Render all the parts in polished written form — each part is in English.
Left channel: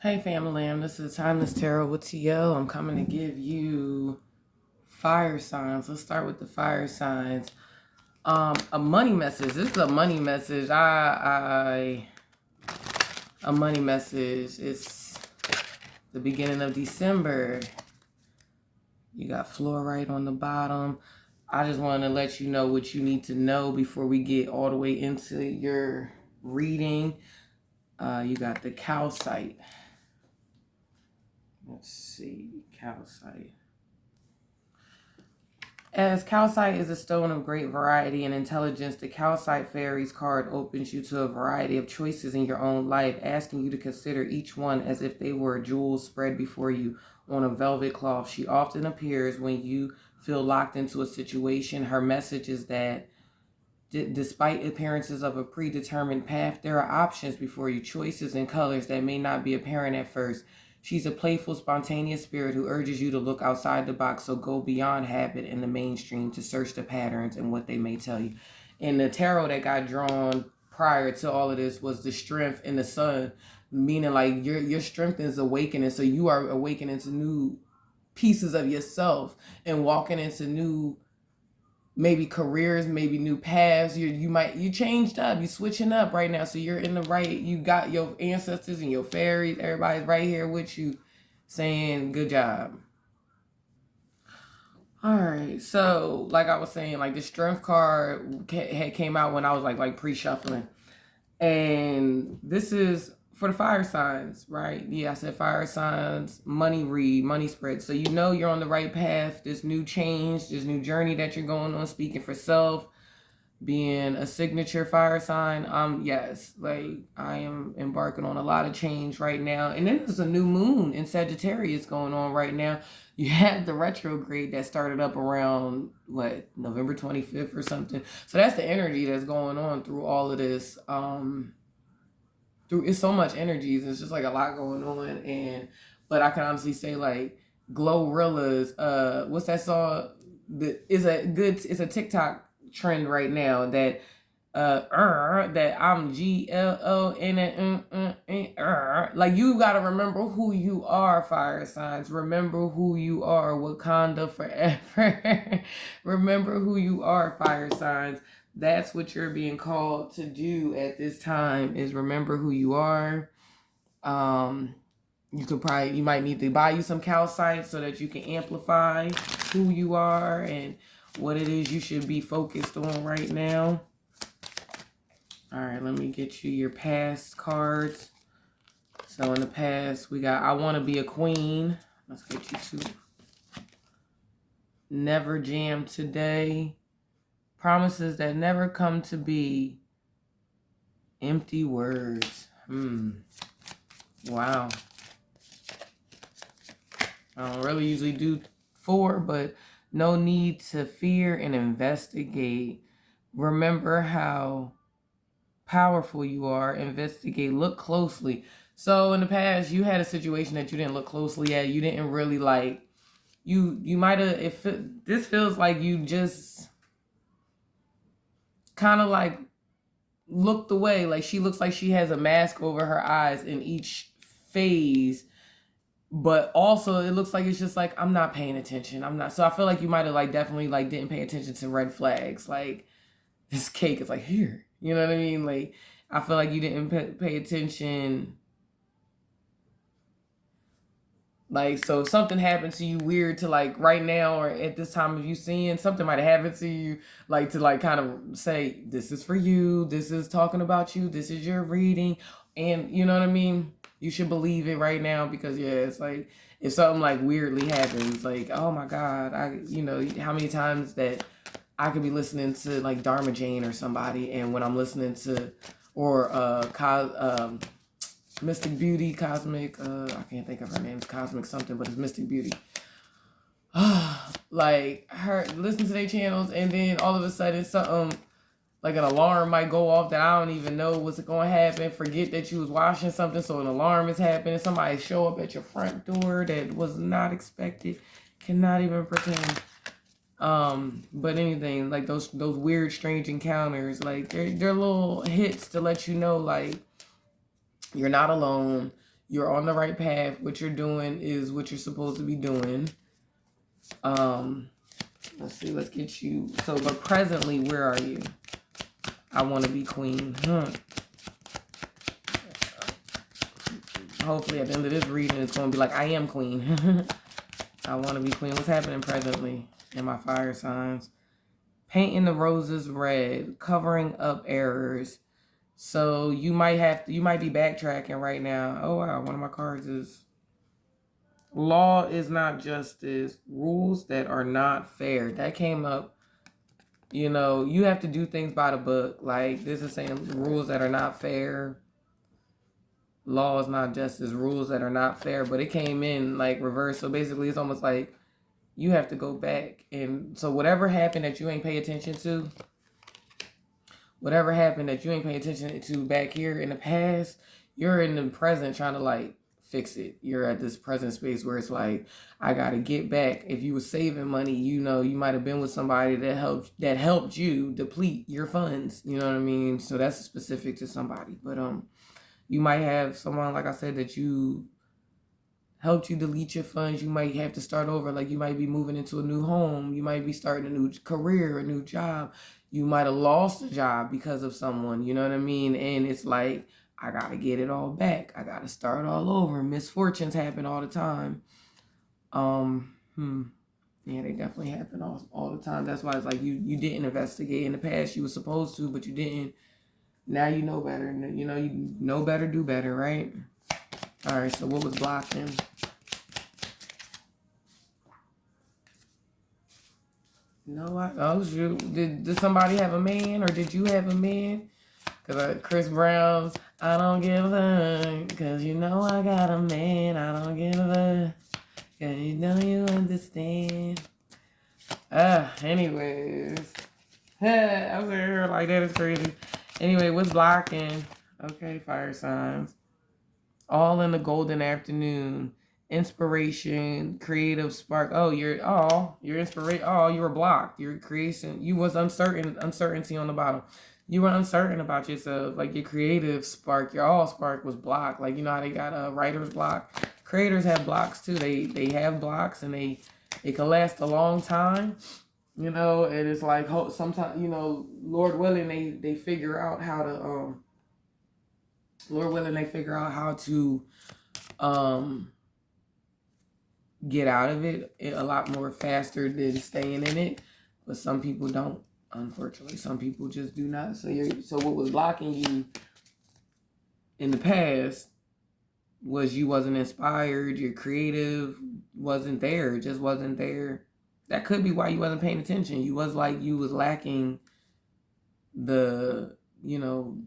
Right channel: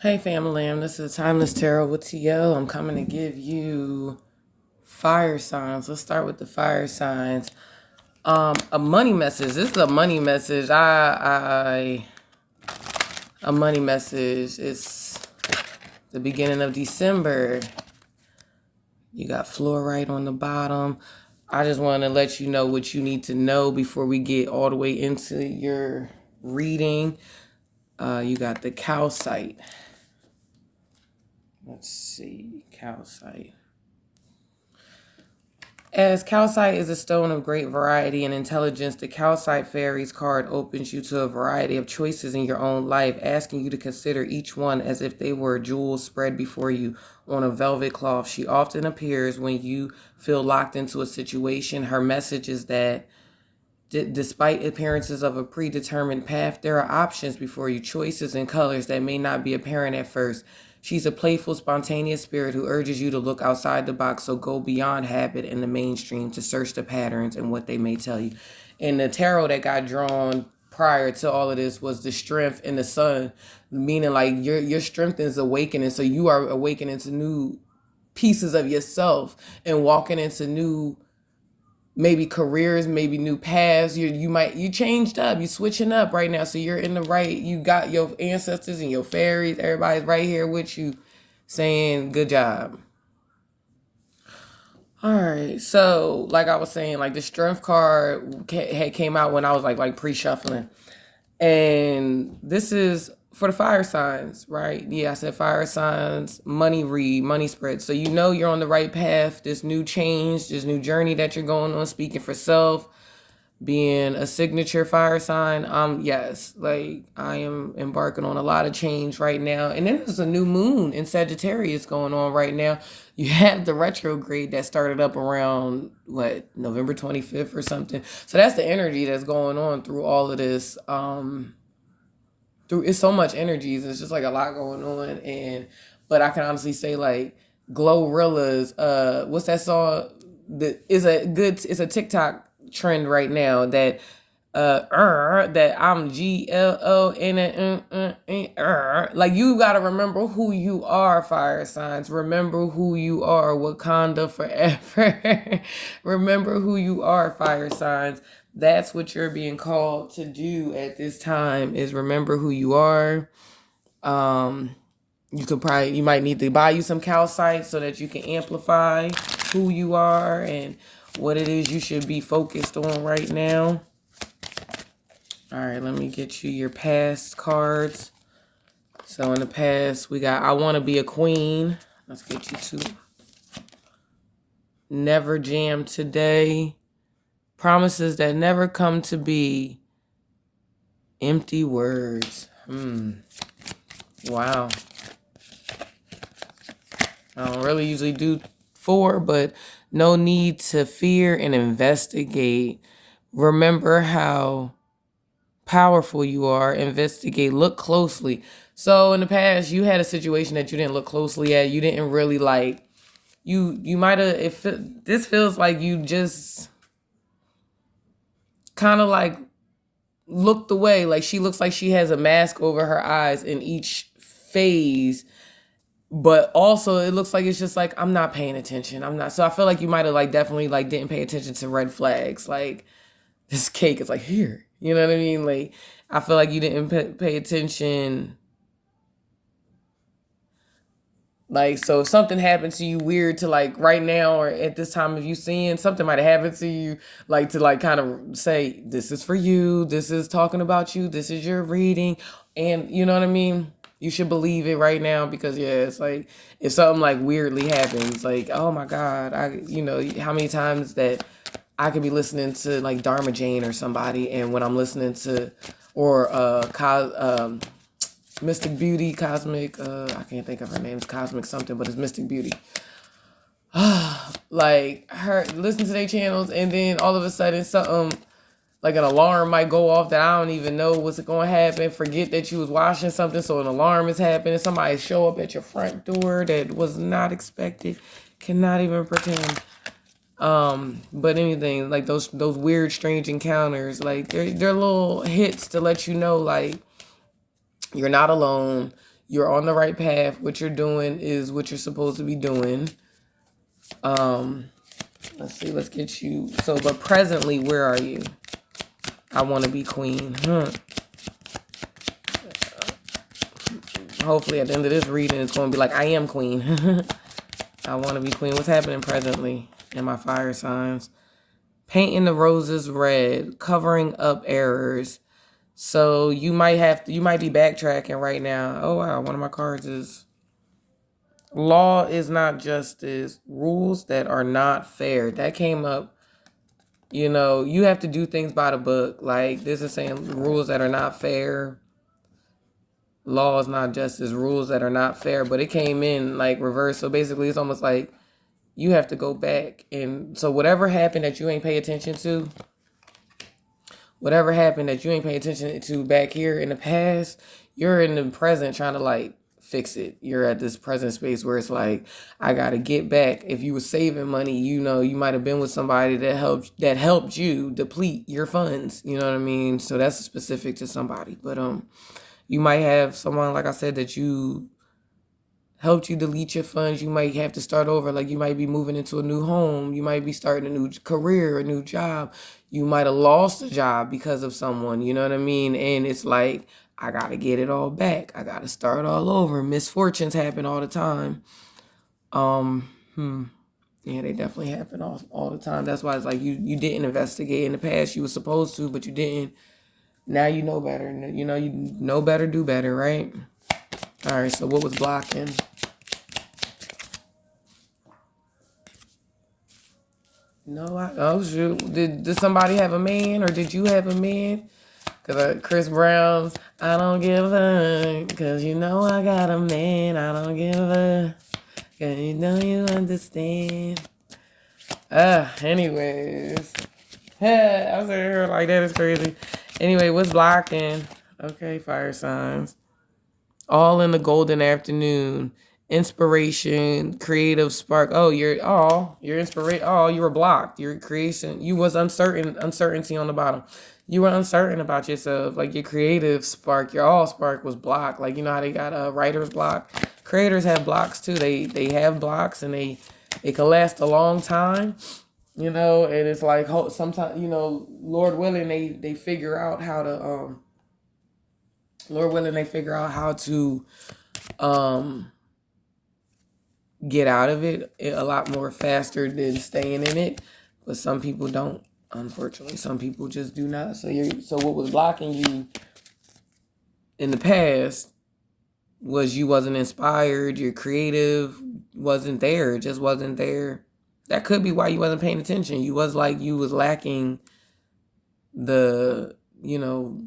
Hey Famalam, this is Timeless Tarot with TL. I'm coming to give you fire signs. Let's start with the fire signs. A money message. This is a money message. A money message. It's the beginning of December. You got fluorite on the bottom. I just want to let you know what you need to know before we get all the way into your reading. You got the calcite. Let's see, calcite. As calcite is a stone of great variety and intelligence, the calcite fairies card opens you to a variety of choices in your own life, asking you to consider each one as if they were jewels spread before you on a velvet cloth. She often appears when you feel locked into a situation. Her message is that despite appearances of a predetermined path, there are options before you, choices and colors that may not be apparent at first. She's a playful, spontaneous spirit who urges you to look outside the box, so go beyond habit and the mainstream to search the patterns and what they may tell you. And the tarot that got drawn prior to all of this was the strength in the sun, meaning like your strength is awakening. So you are awakening to new pieces of yourself and walking into new maybe careers, maybe new paths. You changed up, you switching up right now. So you're in the right, you got your ancestors and your fairies, everybody's right here with you saying good job. All right, so like I was saying, like the strength card had came out when I was like pre-shuffling. And this is for the fire signs, right? Yeah, I said fire signs, money read, money spread. So you know you're on the right path. This new change, this new journey that you're going on, speaking for self, being a signature fire sign. Yes, like I am embarking on a lot of change right now. And then there's a new moon in Sagittarius going on right now. You have the retrograde that started up around November 25th or something. So that's the energy that's going on through all of this. Through it's so much energies. It's just like a lot going on. But I can honestly say like Glorilla's what's that song that is it's a TikTok trend right now that that I'm GLON like you gotta remember who you are, fire signs. Remember who you are, Wakanda forever. Remember who you are, fire signs. That's what you're being called to do at this time, is remember who you are. You might need to buy you some calcite so that you can amplify who you are and what it is you should be focused on right now. All right, let me get you your past cards. So in the past, we got I Want to Be a Queen. Let's get you to Never Jam Today. Promises that never come to be. Empty words. Wow. I don't really usually do 4, but no need to fear and investigate. Remember how powerful you are. Investigate. Look closely. So in the past, you had a situation that you didn't look closely at. You didn't really like. You might have. This feels like you just kind of like looked away. Like she looks like she has a mask over her eyes in each phase. But also it looks like it's just like, I'm not paying attention. I'm not. So I feel like you might have like definitely like didn't pay attention to red flags. Like this cake is like here. You know what I mean? Like I feel like you didn't pay attention. Like, so if something happened to you weird to like right now or at this time of you seeing something might have happened to you, like to like kind of say, this is for you, this is talking about you, this is your reading. And you know what I mean? You should believe it right now because yeah, it's like if something like weirdly happens, like, oh my God, how many times that I could be listening to like Dharma Jane or somebody, and when I'm listening to or Mystic Beauty, Cosmic, I can't think of her name, it's Cosmic something, but it's Mystic Beauty. Like her, listen to their channels, and then all of a sudden something like an alarm might go off that I don't even know what's going to happen. Forget that you was washing something, so an alarm is happening. Somebody show up at your front door that was not expected. Cannot even pretend. But anything like those weird, strange encounters, like they're little hits to let you know, like you're not alone. You're on the right path. What you're doing is what you're supposed to be doing. Let's see, let's get you. So, but presently, where are you? I want to be queen. Hopefully at the end of this reading, it's going to be like, I am queen. I want to be queen. What's happening presently in my fire signs? Painting the roses red, covering up errors. So you might be backtracking right now. Oh wow, one of my cards is law is not justice. Rules that are not fair. That came up. You know, you have to do things by the book. Like this is saying rules that are not fair. Law is not justice. Rules that are not fair. But it came in like reverse. So basically, it's almost like you have to go back. And so whatever happened that you ain't pay attention to, back here in the past, you're in the present trying to like fix it. You're at this present space where it's like, I gotta get back. If you were saving money, you know, you might have been with somebody that helped you deplete your funds. You know what I mean? So that's specific to somebody. But you might have someone, like I said, that you helped you delete your funds. You might have to start over. Like you might be moving into a new home. You might be starting a new career, a new job. You might have lost a job because of someone, you know what I mean? And it's like, I got to get it all back. I got to start all over. Misfortunes happen all the time. Yeah, they definitely happen all the time. That's why it's like you didn't investigate in the past. You were supposed to, but you didn't. Now you know better. You know better, do better, right? All right, so what was blocking? Oh shoot. Did somebody have a man or did you have a man? Because Chris Brown's, I don't give a, because you know I got a man, I don't give a, because you know you understand. Anyways. I was here like that is crazy. Anyway, what's blocking? Okay, fire signs. All in the golden afternoon. Inspiration, creative spark. Oh, you're inspiration. Oh, you were blocked. Your creation, you was uncertainty on the bottom. You were uncertain about yourself. Like your creative spark, your all spark was blocked. Like you know how they got a writer's block. Creators have blocks too. They have blocks and it can last a long time. You know, and it's like sometimes, you know, Lord willing, they figure out how to get out of it a lot more faster than staying in it. But some people don't, unfortunately. Some people just do not. So what was blocking you in the past was you wasn't inspired, your creative wasn't there, it just wasn't there. That could be why you wasn't paying attention. You was lacking the, you know,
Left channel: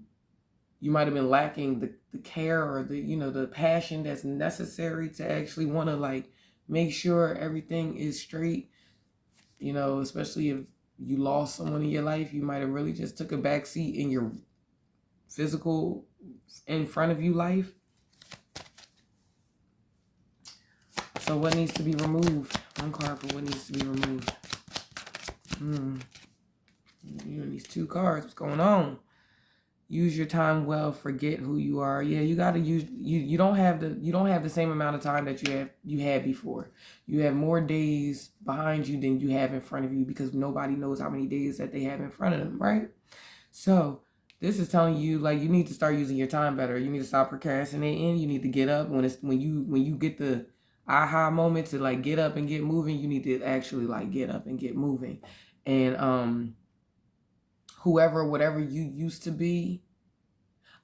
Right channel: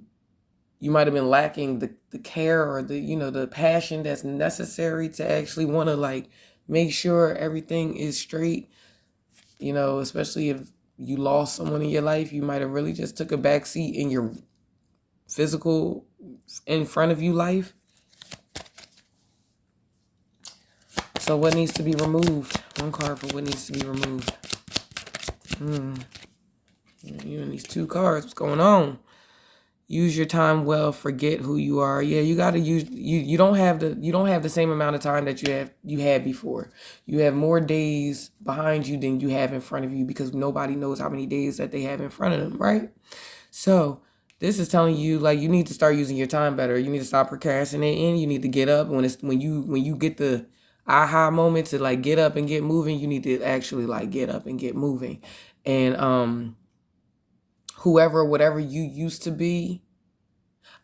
you might have been lacking the care or the passion that's necessary to actually want to like make sure everything is straight, you know, especially if you lost someone in your life. You might have really just took a back seat in your physical in front of you life. So what needs to be removed? One card for what needs to be removed. You and these two cards, what's going on? Use your time well, forget who you are. Yeah, you gotta use you don't have the same amount of time that you had before. You have more days behind you than you have in front of you because nobody knows how many days that they have in front of them, right? So this is telling you like you need to start using your time better. You need to stop procrastinating. You need to get up when you get the aha moment to like get up and get moving. You need to actually like get up and get moving, and whatever you used to be.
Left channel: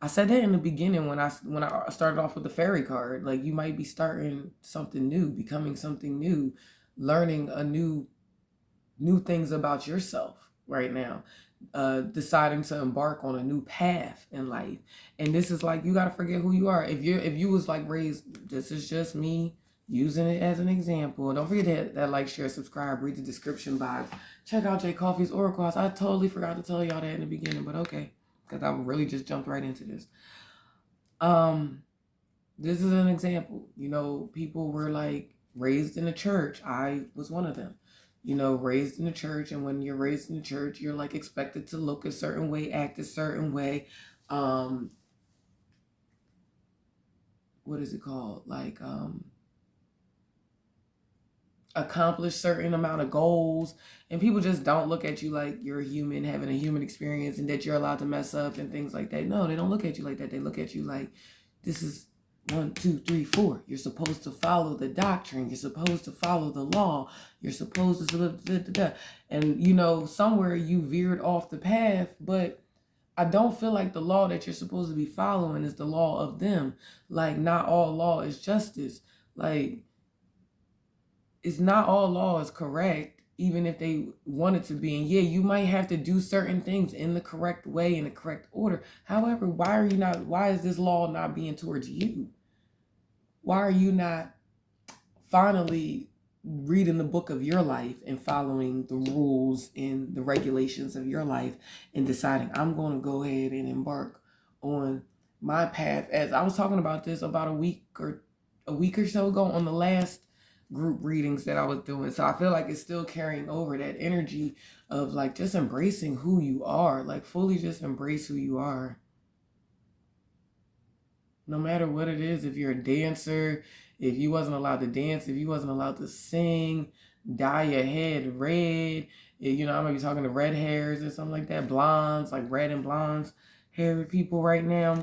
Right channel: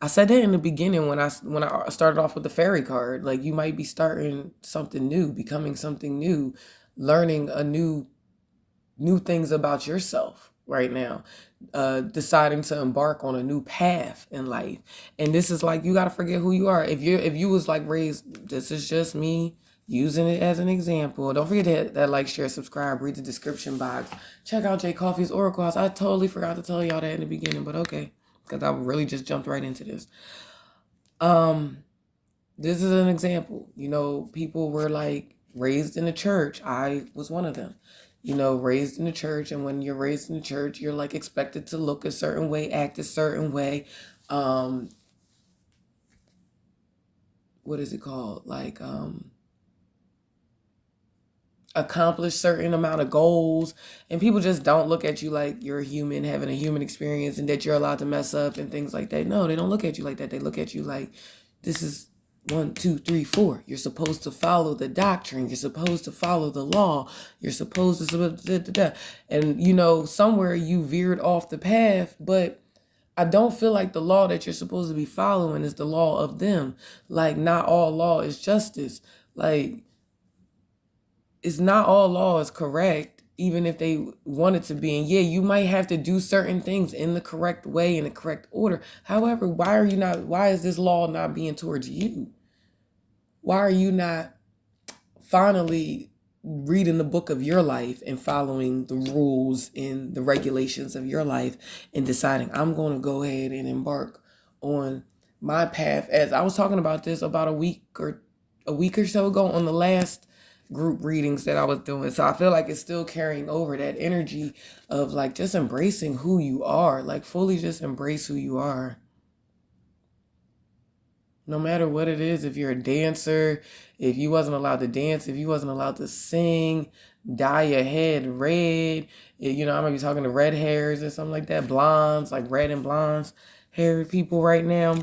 I said that in the beginning when I started off with the fairy card. Like you might be starting something new, becoming something new, learning new things about yourself right now, deciding to embark on a new path in life. And this is like you got to forget who you are. If you was like raised, this is just me using it as an example. Don't forget that like, share, subscribe, read the description box. Check out Jay Coffee's Oracle House. I totally forgot to tell y'all that in the beginning, but okay, because I really just jumped right into this. This is an example. You know, people were like raised in the church. I was one of them. You know, raised in the church, and when you're raised in the church, you're like expected to look a certain way, act a certain way. what is it called? Like, accomplish certain amount of goals, and people just don't look at you like you're a human having a human experience and that you're allowed to mess up and things like that. No, they don't look at you like that. They look at you like, this is 1, 2, 3, 4. You're supposed to follow the doctrine. You're supposed to follow the law. You're supposed to, and somewhere you veered off the path, but I don't feel like the law that you're supposed to be following is the law of them. Like, not all law is justice. Like, it's not all law is correct, even if they want it to be. And yeah, you might have to do certain things in the correct way, in the correct order. However, why is this law not being towards you? Why are you not finally reading the book of your life and following the rules and the regulations of your life and deciding, I'm going to go ahead and embark on my path? As I was talking about this about a week or so ago on the last group readings that I was doing. So I feel like it's still carrying over that energy of like just embracing who you are, like fully just embrace who you are. No matter what it is, if you're a dancer, if you wasn't allowed to dance, if you wasn't allowed to sing, dye your head red, I might be talking to red hairs or something like that, blondes, like red and blondes haired people right now,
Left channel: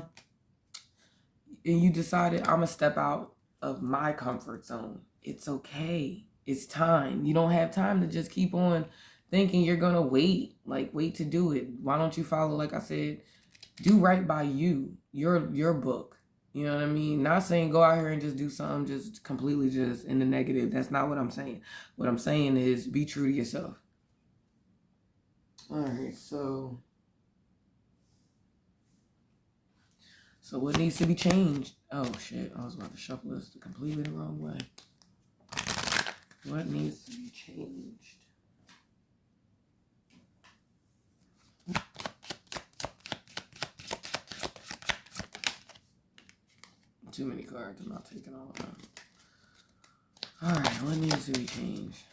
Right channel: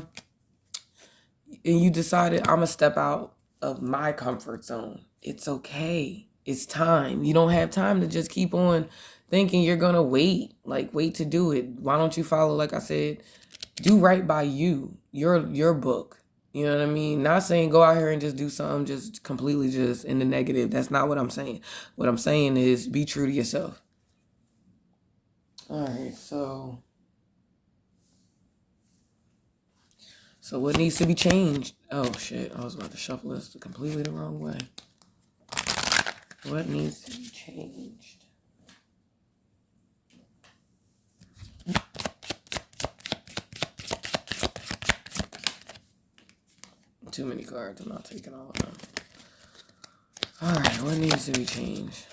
and you decided, I'm gonna step out of my comfort zone. It's okay. It's time. You don't have time to just keep on thinking you're gonna wait to do it. Why don't you follow, like I said, do right by you, your book. You know what I mean? Not saying go out here and just do something just completely just in the negative. That's not what I'm saying. What I'm saying is be true to yourself. All right, so what needs to be changed? Oh shit, I was about to shuffle this completely the wrong way. What needs to be changed? Too many cards. I'm not taking all of them. All right, what needs to be changed?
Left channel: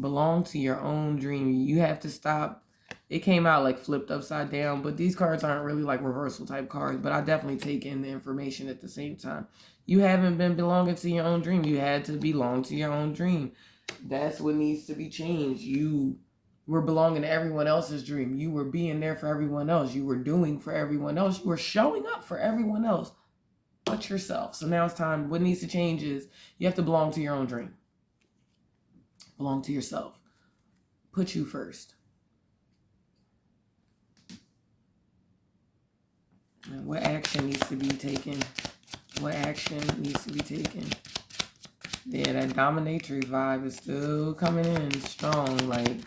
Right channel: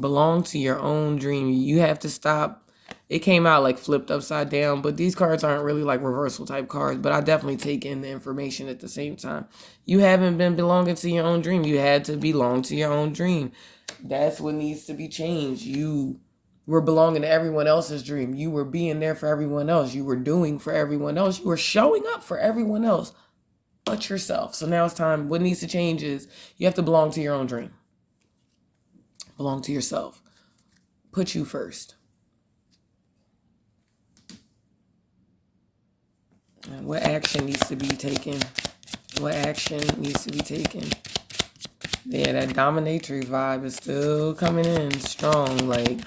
Belong to your own dream. You have to stop. It came out like flipped upside down, but these cards aren't really like reversal type cards, but I definitely take in the information at the same time. You haven't been belonging to your own dream. You had to belong to your own dream. That's what needs to be changed. You were belonging to everyone else's dream. You were being there for everyone else. You were doing for everyone else. You were showing up for everyone else but yourself. So now it's time. What needs to change is you have to belong to your own dream. Belong to yourself. Put you first. And what action needs to be taken? What action needs to be taken? Yeah, that dominatrix vibe is still coming in strong. Like,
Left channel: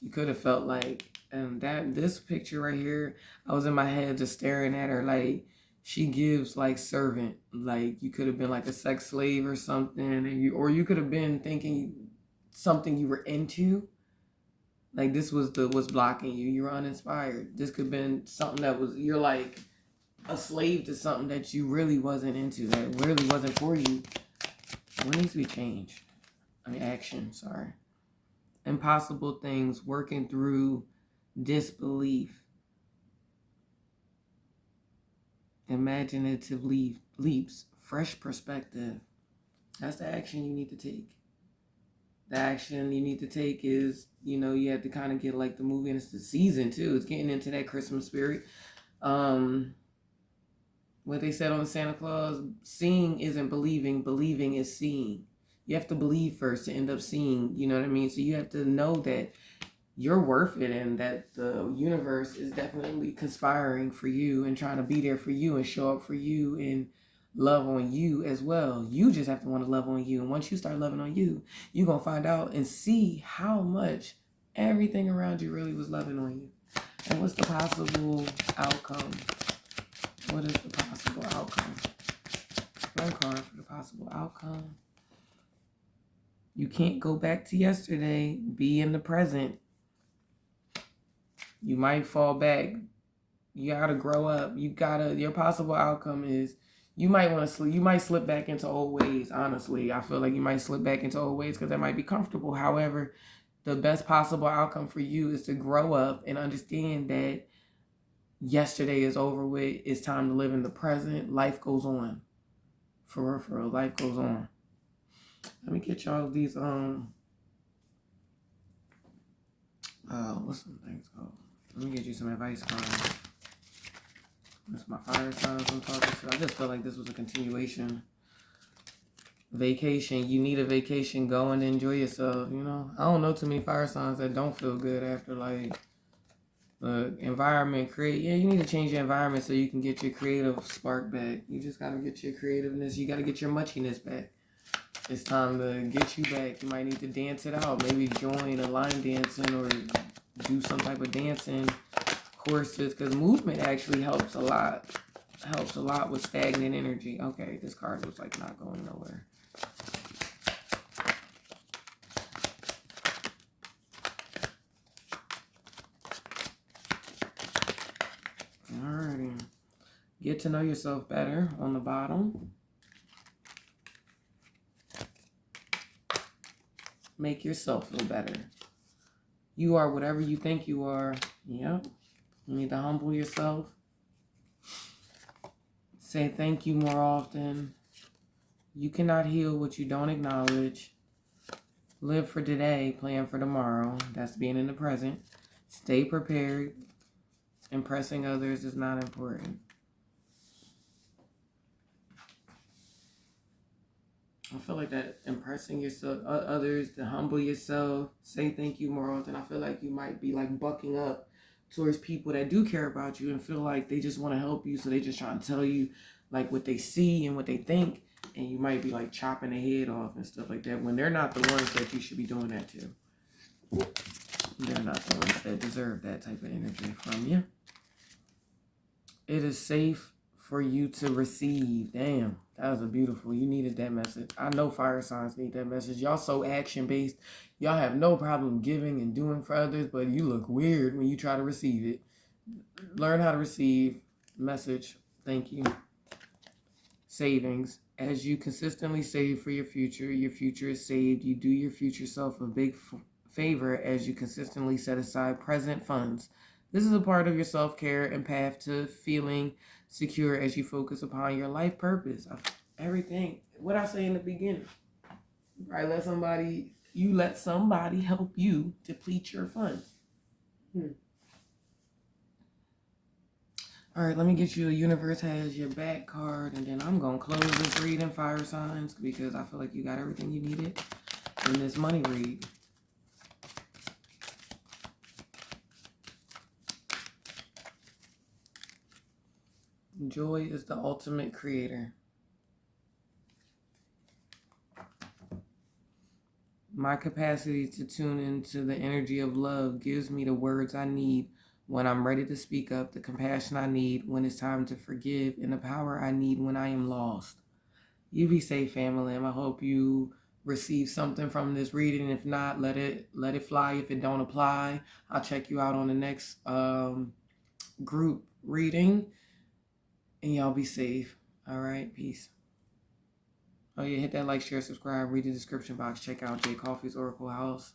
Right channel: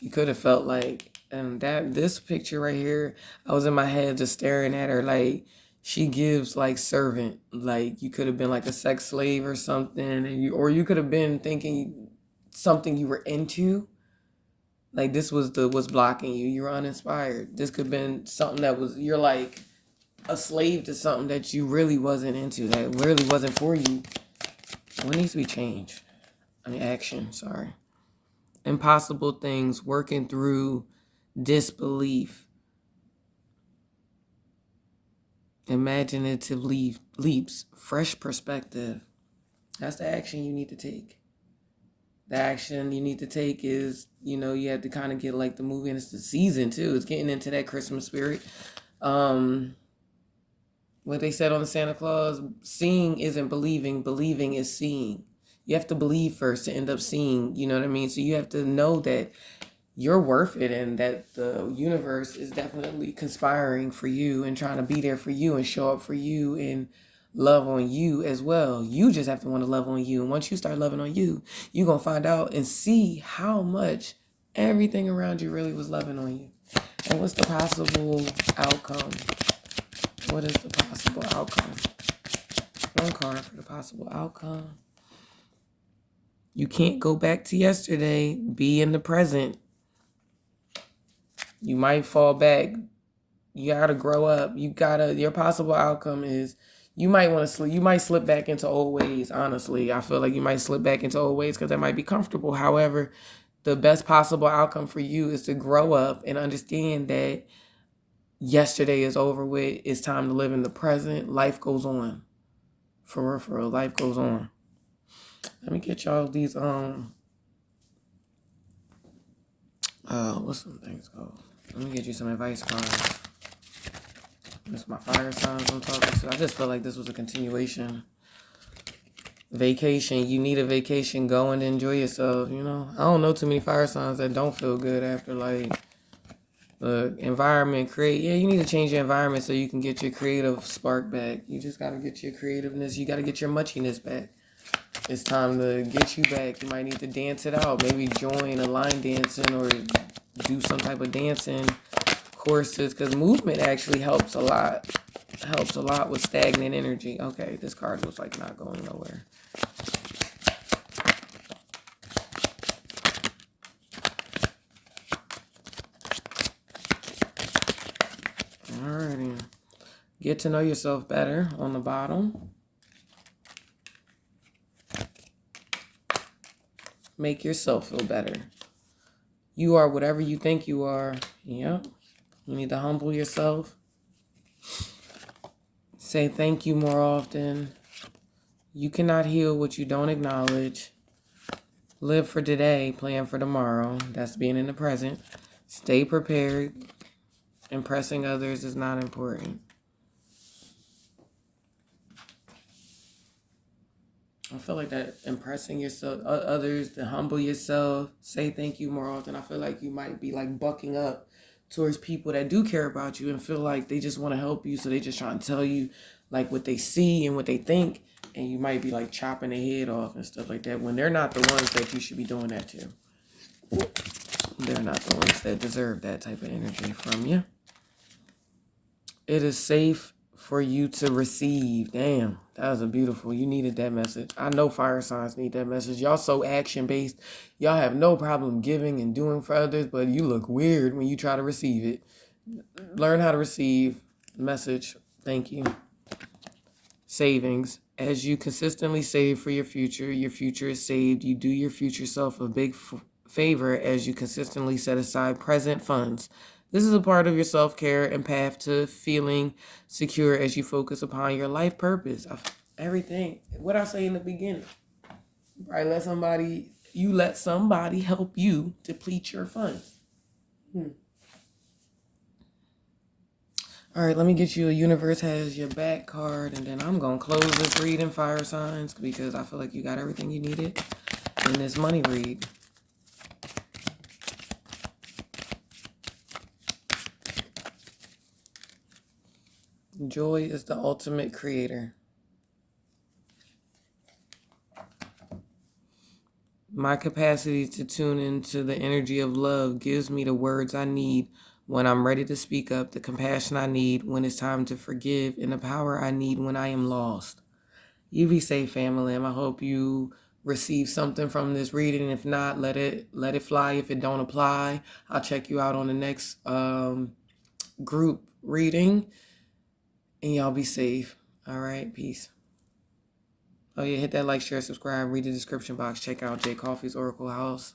you could have felt like, and this picture right here, I was in my head just staring at her like she gives like servant. Like, you could have been like a sex slave or something, and you could have been thinking something you were into. Like, this was what's blocking you. You're uninspired. This could have been something that was, you're like a slave to something that you really wasn't into, that really wasn't for you. What needs to be changed? Action, sorry. Impossible things, working through disbelief. Imaginative leaps, fresh perspective. That's the action you need to take. The action you need to take is, you have to kind of get like the movie, and it's the season too. It's getting into that Christmas spirit. What they said on the Santa Claus, seeing isn't believing, believing is seeing. You have to believe first to end up seeing, you know what I mean? So you have to know that you're worth it and that the universe is definitely conspiring for you and trying to be there for you and show up for you and love on you as well. You just have to want to love on you. And once you start loving on you, you're going to find out and see how much everything around you really was loving on you. And what's the possible outcome? What is the possible outcome? One card for the possible outcome. You can't go back to yesterday. Be in the present. You might fall back. You gotta grow up. Your possible outcome is you might want to slip. You might slip back into old ways. Honestly, I feel like you might slip back into old ways because that might be comfortable. However, the best possible outcome for you is to grow up and understand that yesterday is over with. It's time to live in the present. Life goes on. For real, life goes on. Let me get y'all these, what's some things called? Let me get you some advice cards. That's my fire signs I'm talking to. I just feel like this was a continuation. Vacation. You need a vacation. Go and enjoy yourself, you know? I don't know too many fire signs that don't feel good after, like, the environment. You need to change your environment so you can get your creative spark back. You just got to get your creativeness. You got to get your muchiness back. It's time to get you back. You might need to dance it out. Maybe join a line dancing or do some type of dancing courses, because movement actually helps a lot. Helps a lot with stagnant energy. Okay, this card was like not going nowhere. Alrighty. Get to know yourself better on the bottom. Make yourself feel better. You are whatever you think you are. Yep. You need to humble yourself. Say thank you more often. You cannot heal what you don't acknowledge. Live for today, plan for tomorrow. That's being in the present. Stay prepared. Impressing others is not important. I feel like that impressing yourself, others, to humble yourself, say thank you more often. I feel like you might be like bucking up towards people that do care about you and feel like they just want to help you. So they just try to tell you like what they see and what they think. And you might be like chopping their head off and stuff like that when they're not the ones that you should be doing that to. They're not the ones that deserve that type of energy from you. It is safe for you to receive. Damn, that was a beautiful. You needed that message. I know fire signs need that message. Y'all so action-based. Y'all have no problem giving and doing for others, but you look weird when you try to receive it. Learn how to receive. Message. Thank you. Savings. As you consistently save for your future is saved. You do your future self a big favor as you consistently set aside present funds. This is a part of your self-care and path to feeling secure as you focus upon your life purpose. Everything. What I say in the beginning. Right? Let somebody help you deplete your funds. All right, let me get you a universe has your back card, and then I'm going to close this reading, fire signs, because I feel like you got everything you needed in this money read. Joy is the ultimate creator. My capacity to tune into the energy of love gives me the words I need when I'm ready to speak up, the compassion I need when it's time to forgive, and the power I need when I am lost. You be safe, Famalam. I hope you receive something from this reading. If not, let it fly. If it don't apply, I'll check you out on the next group reading. And y'all be safe. All right, peace. Oh yeah, hit that like, share, subscribe, read the description box. Check out Jay Coffee's Oracle House.